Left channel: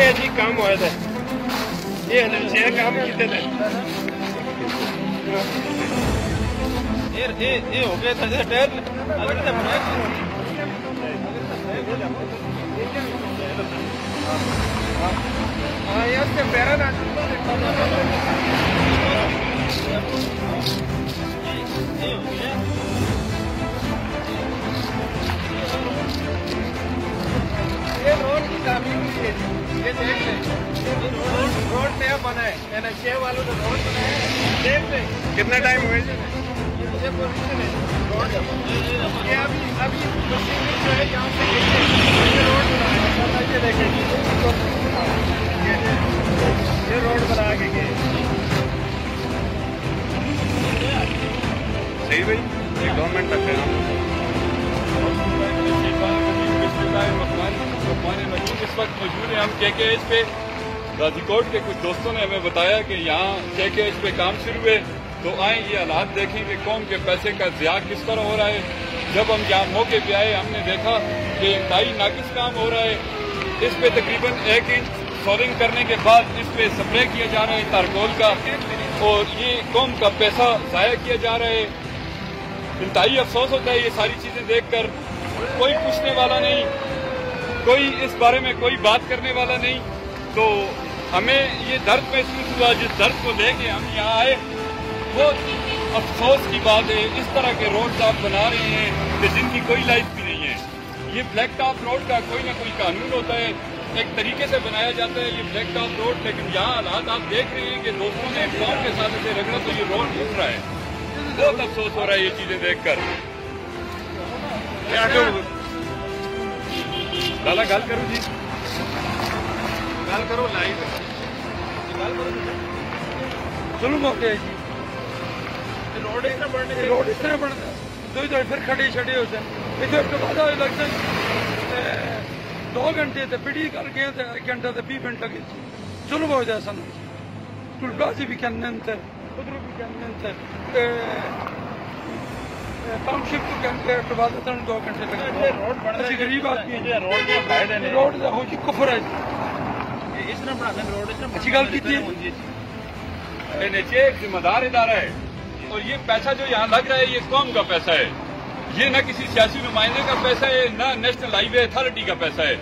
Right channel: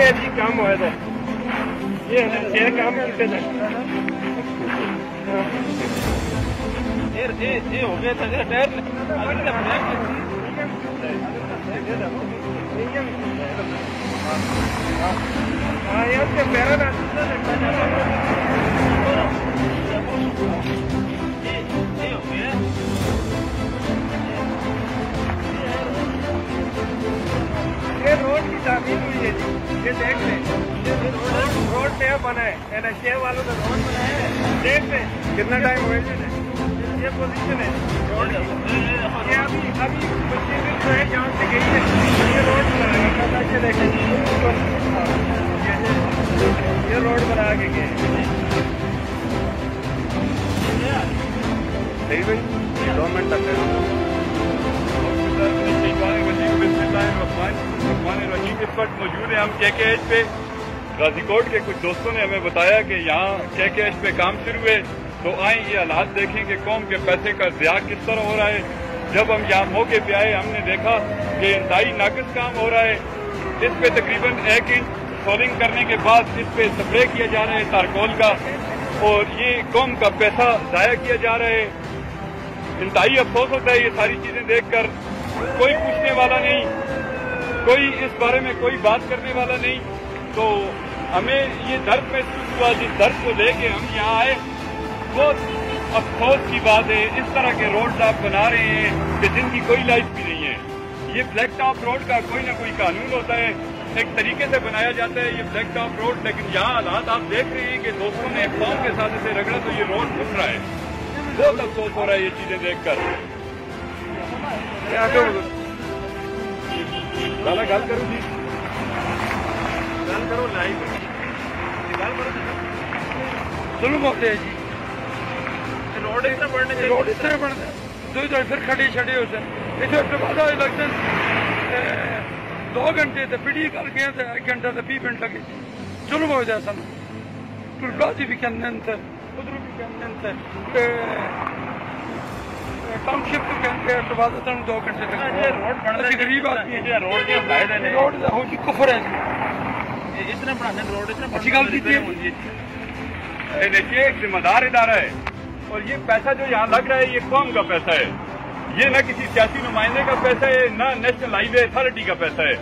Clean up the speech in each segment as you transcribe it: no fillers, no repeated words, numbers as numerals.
یہ جی کام ہوا تھا یہ چھ کام کیتے تھے یہ ہو گیا تھا ہاں یہ سے پیرا نہ یہ روڈ کی تعمیر ہوئی ہے جی یہ دیکھ لیں روڈ نیا بنا ہے NHA والوں نے روڈ بنایا ہے دیکھ لیں کتنا ٹائم ہوئے جی یہ پوزیشن ہے روڈ کی یہ ابھی مشین جو ہے یہاں سے گئی ہے یہ روڈ بنا ہے یہ دیکھیں یہ روڈ بنا کے گئے صحیح بھائی یہ گورنمنٹ تک ہے اس وقت موجود ہیں ہم KKH پہ غازی کوٹ کے کچھ دوستوں نے ہمیں بتایا کہ یہاں KKH پہ کام شروع ہوئے تو آئیں یہ حالات دیکھیں کہ قوم کے پیسے کا ضیاع کس طرح ہو رہا ہے. جب ہم یہاں موقع پہ آئے ہم نے دیکھا کہ انتہائی ناقص کام ہو رہا ہے. اس پہ تقریباً 1 انچ سولنگ کرنے کے بعد اس پہ سپرے کیا جا رہا ہے تارکول کا اور یہ قوم کا پیسہ ضائع کیا جا رہا ہے. انتہائی افسوس ہوتا ہے یہ ساری چیزیں دیکھ کر. کوئی پوچھنے والا نہیں, کوئی اس بارے میں کوئی بات کرنے والا نہیں. تو ہمیں یہ درد محسوس ہوا, جس درد کو لے کے ہم یہاں آئے. بہت افسوس کی بات ہے اس طرح کے روڈ آپ بنا رہے ہیں کہ جن کی کوئی لائف بھی نہیں ہے. یہ بلیک ٹاپ روڈ کا کوئی نہ کوئی قانون ہوتا ہے, ایک طریقے سے بنایا جاتا ہے یہ بلیک ٹاپ روڈ, لیکن یہاں حالات آپ دیکھ رہے ہیں کہ دوستوں نے ایک قوم کے ساتھ اسے رگڑا تو یہ روڈ گھس رہا ہے. بہت افسوس ہو رہا ہے یہ چیزیں دیکھ کر. کیا کروں لالا گل کرو جی, گل کرو لائیو گل کرو. چلو موقع ہے جی روڈ اس طرح بنتا ہے پھر کھڑے چھڑے ہوتے ہیں. اس بعد الیکشن 2 گھنٹے تے پڑھی کر گئے 1 گھنٹہ تے 20 منٹ لگے. چلو بہت جیسا نا ٹولبازی بھی کہنے تھے ادھر بھی کہنے تھے ٹاؤن شپ کو کہنے بعد 2 گھنٹے لگے. اچھی غریب آدمی ہے روڈ کفر ہے اس طرح بنا دیں روڈ اچھی گل دیتی ہے. NHA ایک ذمہ دار ادارہ ہے اور یہ پیسہ جو یہاں لگ رہا ہے یہ قوم کا پیسہ ہے. یہ نہ کسی سیاسی نمائندے کا پیسہ ہے نہ نیشنل ہائی وے اتھارٹی کا پیسہ ہے.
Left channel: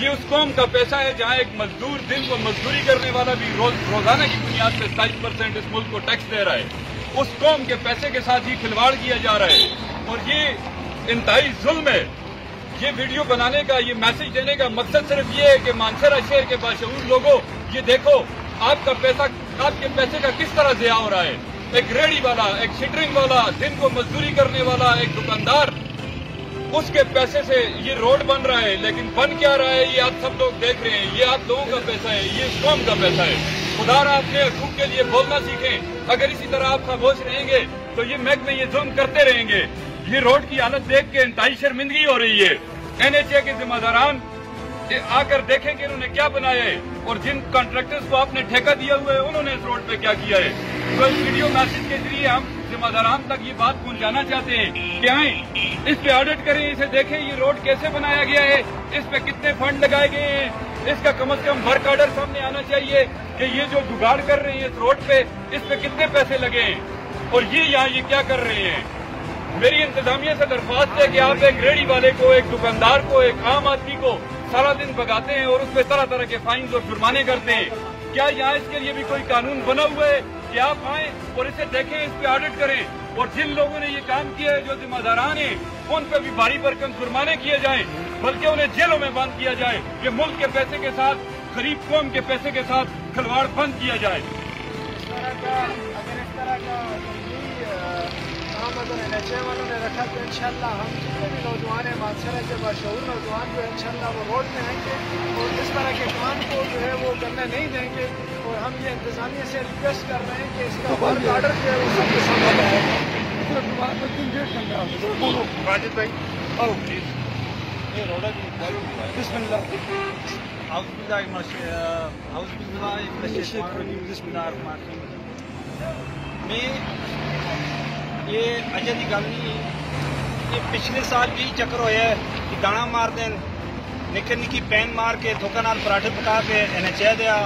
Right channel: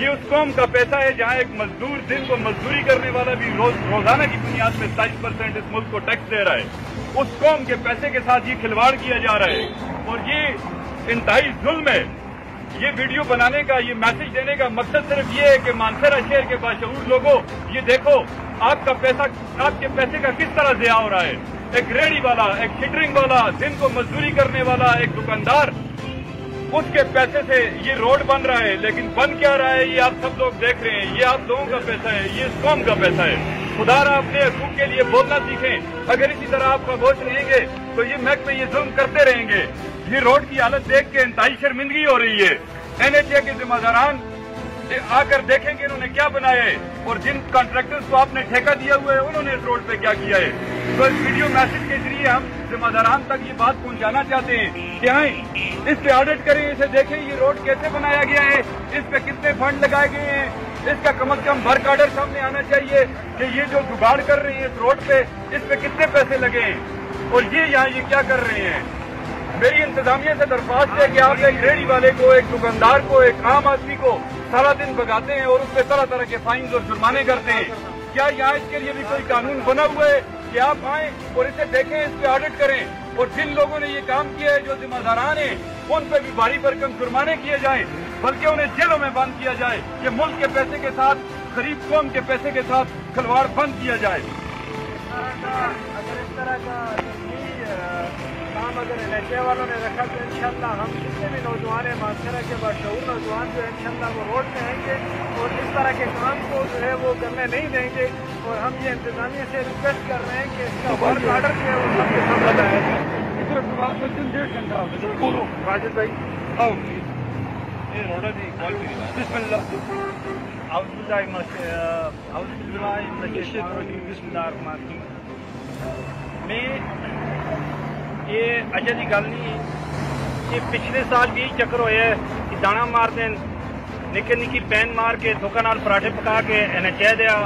یہ اس قوم کا پیسہ ہے جہاں ایک مزدور دن کو مزدوری کرنے والا بھی روزانہ کی بنیاد پہ 27% اس ملک کو ٹیکس دے رہا ہے. اس قوم کے پیسے کے ساتھ یہ کھلواڑ کیا جا رہا ہے اور یہ انتہائی ظلم ہے. یہ ویڈیو بنانے کا یہ میسج دینے کا مقصد صرف یہ ہے کہ مانسہرہ شہر کے باشعور لوگوں یہ دیکھو آپ کا پیسہ آپ کے پیسے کا کس طرح ضیاع ہو رہا ہے. ایک ریڑھی والا, ایک شٹرنگ والا, دن کو مزدوری کرنے والا, ایک دکاندار, اس کے پیسے سے یہ روڈ بن رہا ہے. لیکن بن کیا رہا ہے یہ آپ سب لوگ دیکھ رہے ہیں. یہ آپ لوگوں کا پیسہ ہے, یہ اس قوم کا پیسہ ہے. خدا را اپنے حقوق کے لیے بولنا سیکھیں. اگر اسی طرح آپ خاموش رہیں گے تو یہ محکمے یہ ظلم کرتے رہیں گے. یہ روڈ کی حالت دیکھ کے انتہائی شرمندگی ہو رہی ہے. NHA کے ذمہ داران آ کر دیکھیں کہ انہوں نے کیا بنایا ہے اور جن کانٹریکٹرز کو آپ نے ٹھیکہ دیا ہوا ہے انہوں نے اس روڈ پہ کیا کیا ہے. تو اس ویڈیو میسج کے ذریعے ہم ذمہ داران تک یہ بات پہنچانا چاہتے ہیں کہ آئیں اس پہ آڈٹ کریں, اسے دیکھیں یہ روڈ کیسے بنایا گیا ہے, اس پہ کتنے فنڈ لگائے گئے ہیں. اس کا کم از کم بھر آڈر سامنے آنا چاہیے کہ یہ جو جگاڑ کر رہے ہیں اس روڈ پہ اس پہ کتنے پیسے لگے ہیں اور یہ یہاں یہ کیا کر رہے ہیں. میری انتظامیہ سے درخواست ہے کہ آپ ایک ریڑھی والے کو, ایک دکاندار کو, ایک عام آدمی کو سارا دن بگاتے ہیں اور اس پہ طرح طرح کے فائنز اور جرمانے کرتے ہیں. کیا یہاں اس کے لیے بھی کوئی قانون بنا ہوا ہے کہ آپ آئیں اور اسے دیکھیں, اس پہ آڈٹ کریں اور جن لوگوں نے یہ کام کیا ہے جو ذمہ داران ہیں ان پہ بھی بھاری بھرکم جرمانے کیے جائیں بلکہ انہیں جیلوں میں بند کیا جائے. یہ ملک کے پیسے کے ساتھ, غریب قوم کے پیسے کے ساتھ کھلواڑ بند کیا جائے. اگر اس طرح کا کام اگر NHA والوں نے رکھا تو انشاءاللہ ہم جتنے بھی نوجوان ہیں مانسہرہ کے باشعور نوجوان جو ہے انشاءاللہ وہ روڈ میں آئیں گے اور اس طرح کے کام کو جو ہے وہ کرنے نہیں دیں گے. اور ہم یہ انتظامیہ سے ریکویسٹ کر رہے ہیں کہ اس کا ورک آرڈر جو ہے وہ سب کے سامنے آئے. یہ اجے کی گل نہیں, یہ پچھلے سال بھی چکر ہوا ہے کہ دانا مار دین निक्की निक्की पैन मार के थोका नाल पराठे पका के इन्हें चाह दिया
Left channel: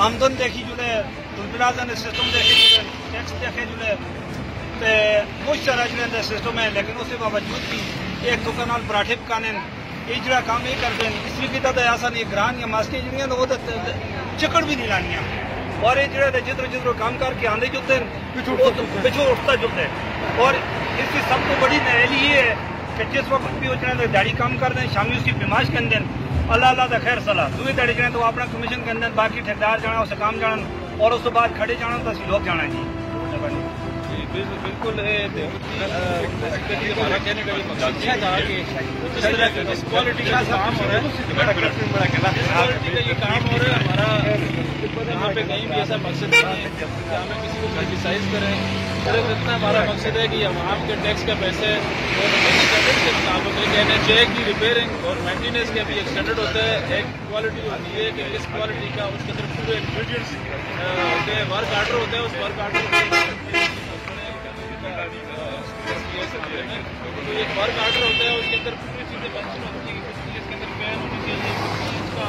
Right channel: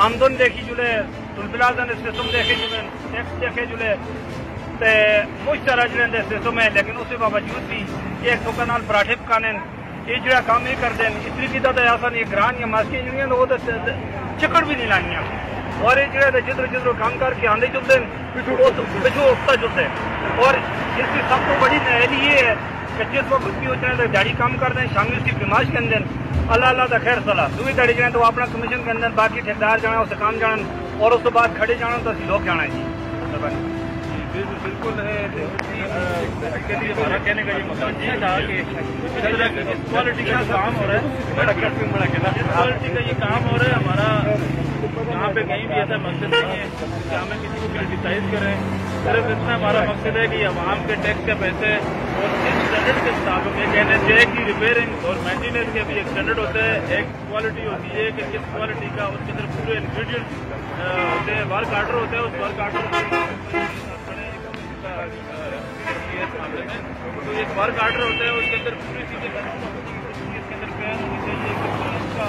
आमदन देखी जुड़े टुलबिलाजा ने सिस्टम देखे जुड़े टैक्स देखे जुड़े तो बहुत सारा जुड़े सिस्टम है लेकिन उसके बावजूद भी एक थोका नाल पराठे पकाने ये जरा काम नहीं करते इसलिए की आसान ये ग्रान या मास्की यूनियन वो चिकड़ भी नहीं लानी और ये जो जिधर जिधर काम करके आंदे जुड़ते पिछू उठता जुड़ते और इसकी सबसे बड़ी दलील ये है कि जिस वक्त भी होते हैं दिहाड़ी काम कर दें शामी उसकी बिमाश के अंदर अल्लाह अल्लाह का खैर सलाह दूसरी दिहाड़ी जाए तो अपना कमीशन के अंदर बाकी ठेकेदार जाना उससे काम जाना और उसके बाद खड़े जाना तो असी लोग जाना है। बिल्कुल बेसिकली हमारा कहने का ये मकसद ये था कि जिस तरह की जिस क्वालिटी का जो काम हो रहा है जिस क्वालिटी का ये काम हो रहा है हमारा यहाँ पे कहीं भी ऐसा मकसद नहीं है कि हमें किसी को क्रिटिसाइज करें सिर्फ इतना हमारा मकसद है कि आवाम के टैक्स के पैसे और स्टैंडर्ड के मुताबिक एक NHA की रिपेयरिंग और मेंटेनेंस के भी एक स्टैंडर्ड होता है एक क्वालिटी होती है कि इस क्वालिटी का उसके अंदर पूरे इंग्रीडियंट्स होते हैं वर्क आर्डर होते हैं उस वर्क आर्डर तो एक वर्क आर्डर होता है उसके अंदर पूरी चीजें मेंशन होती है कि कुछ चीज इसके अंदर पैन होनी चाहिए इसका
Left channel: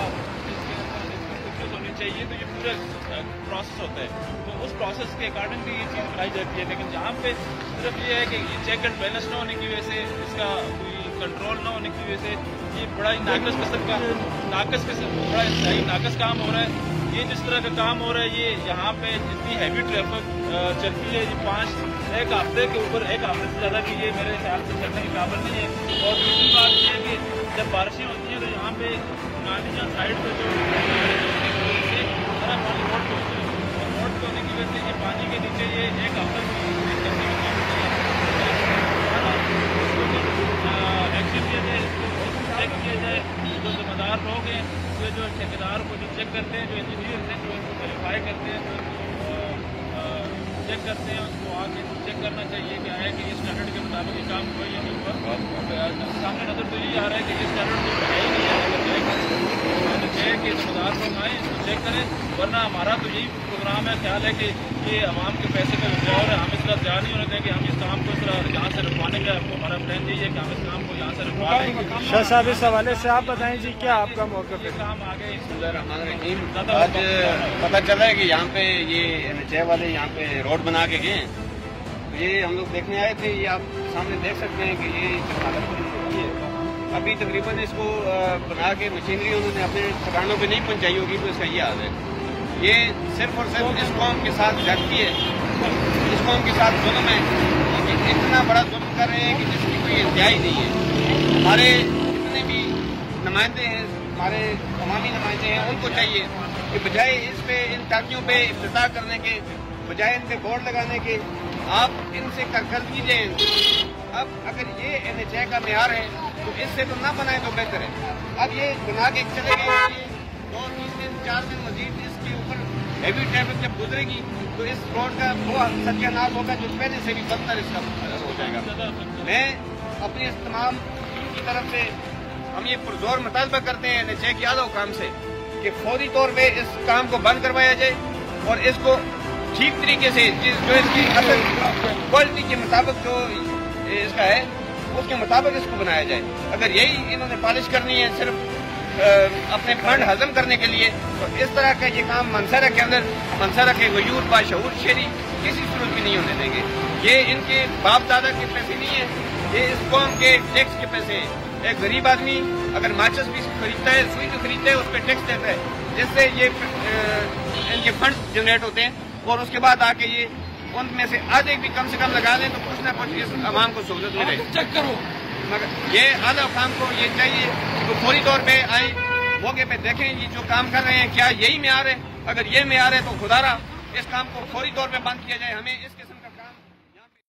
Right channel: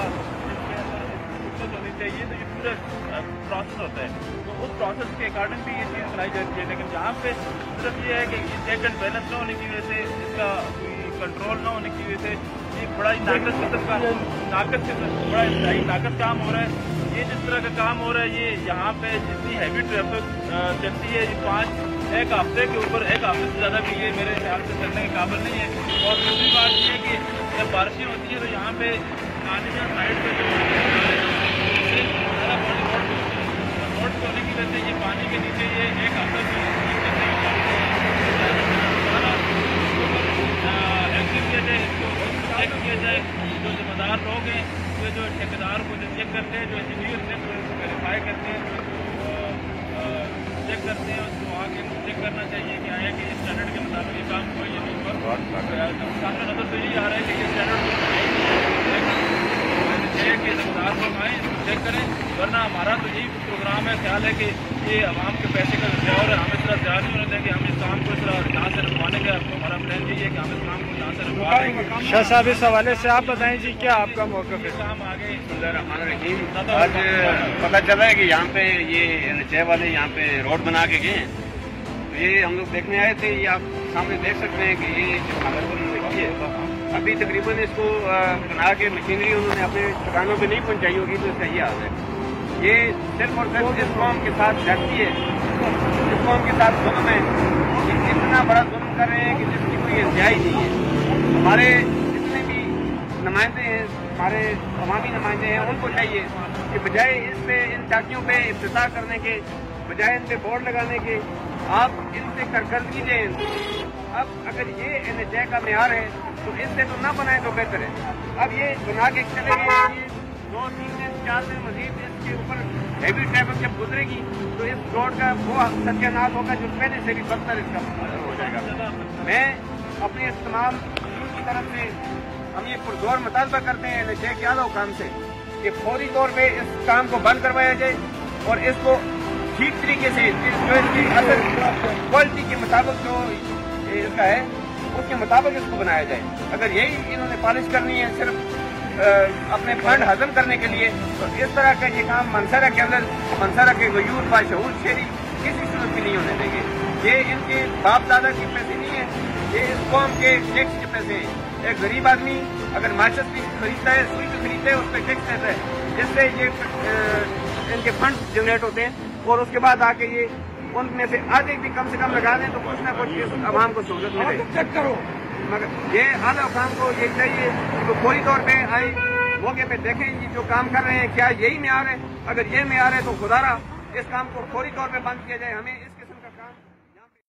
होनी चाहिए तो ये पूरा प्रोसेस होता है तो उस प्रोसेस के अकॉर्डिंग भी ये चीज बनाई जाती है लेकिन यहाँ पे सिर्फ ये है कि चेक एंड बैलेंस न होने की वजह से इसका कोई कंट्रोल न होने की वजह से ये बड़ा ही नाकस किस्म का बड़ा इंतहाई नाकस काम हो रहा है। ये जिस तरह का काम हो रहा है ये यहाँ पे जितनी हैवी ट्रैफिक चलती है ये एक हफ्ते के ऊपर एक हफ्ते से ज्यादा भी ये मेरे ख्याल से चलने के काबिल नहीं है। और दूसरी बात ये है कि जब बारिशें होती है तो यहाँ पे साइड पे जो सारा पानी रोड होने की वजह से ये पानी के नीचे ये एक हफ्ते से करने के काबिल एक्टिव किया जाए इसको चेक किया जाए जो जिम्मेदार लोग हैं जो ठेकेदार को जो चेक करते हैं जो इंजीनियर हैं जो इसको वेरीफाई करते हैं जो चेक करते हैं उसको आगे चेक करना चाहिए कि आया कि इस स्टैंडर्ड के मुताबिक ये काम हुआ या नहीं हुआ। सामने नजर तो यही आ रहा है कि ये स्टैंडर्ड तो है ही नहीं है कि जिम्मेदार लोग आए इसको चेक करें वरना हमारा तो यही प्रोग्राम है ख्याल है कि ये आवाम के पैसे का ध्यान है हमें इसका ध्यान नहीं होना चाहिए कि हम इस काम को इस तरह यहाँ से रुकवाने का हमारा प्लान यही है कि हम इस काम को यहाँ से रुकवा देंगे। शाह साहब इस हवाले से आप बताएं जी क्या आपका मौका है? काम आगे आज पता चला है कि यहाँ पे ये NHA वाले यहाँ पे रोड बना के गए तो ये हम लोग देखने आए थे। ये आप सामने देख सकते हैं कि ये जो हालत उन्होंने की है अभी तकरीबन इसको बना के मशीनरी उन्होंने अपने ठिकानों पे नहीं पहुंचाई होगी तो इसका ये हाल है। ये सिर्फ और सिर्फ इस कौम के साथ लगती है इस कौम के साथ जुल्म है और इतना बड़ा जुल्म कर रहे हैं कि जिसकी कोई इंतहाई नहीं है। हमारे जितने भी नुमाइंदे हैं हमारे अवामी नुमाइंदे हैं उनको चाहिए कि बजाय इस पे इन चातियों पे इफ्तिताह करने के बजाय इनसे बोर्ड लगाने के आप इनसे करकर्दगी दें। अब अगर ये NHA का मेयार है तो इससे तो ना बनाए तो बेहतर है। अब ये बना के चले गए 2-3 दिन 4 दिन मजीद इसके ऊपर हैवी ट्रैफिक जब गुजरेगी तो इस रोड का वो सत्यानाश होगा जो पहले से भी बदतर इसका हो जाएगा। मैं अपनी इस तमाम टीम की तरफ से हम ये पुरजोर मुतालबा करते हैं NHA के आला हुकाम से कि फौरी तौर पे इस काम को बंद करवाया जाए और इसको ठीक तरीके से जो इसकी असल क्वालिटी के मुताबिक जो इसका है उसके मुताबिक इसको बनाया जाए। अगर यही इन्होंने पॉलिश करनी है सिर्फ अपने फंड हजम करने के लिए तो इस तरह का ये काम मंसरा के अंदर मंसरा के वजूद बाशऊर शहरी किसी सूरत भी नहीं होने देंगे। ये इनके बाप दादा के पैसे नहीं है ये इस कौम के टैक्स के पैसे है। एक गरीब आदमी अगर माचिस भी खरीदता है सुई से खरीदता है उस पर टैक्स देता है जिससे ये फंड जनरेट होते हैं और उसके बाद आके ये उनमें से आज एक भी कम से कम लगा दें तो कुछ ना कुछ आवाम को सहूलत मिले। चेक करो ये आला काम को ये चाहिए तो फौरी तौर पे आए मौके पे देखें ये जो काम कर रहे हैं क्या यही मेयार है। अगर ये मेयार है तो खुदारा इस काम को फौरी तौर पे बंद किया जाए। हमें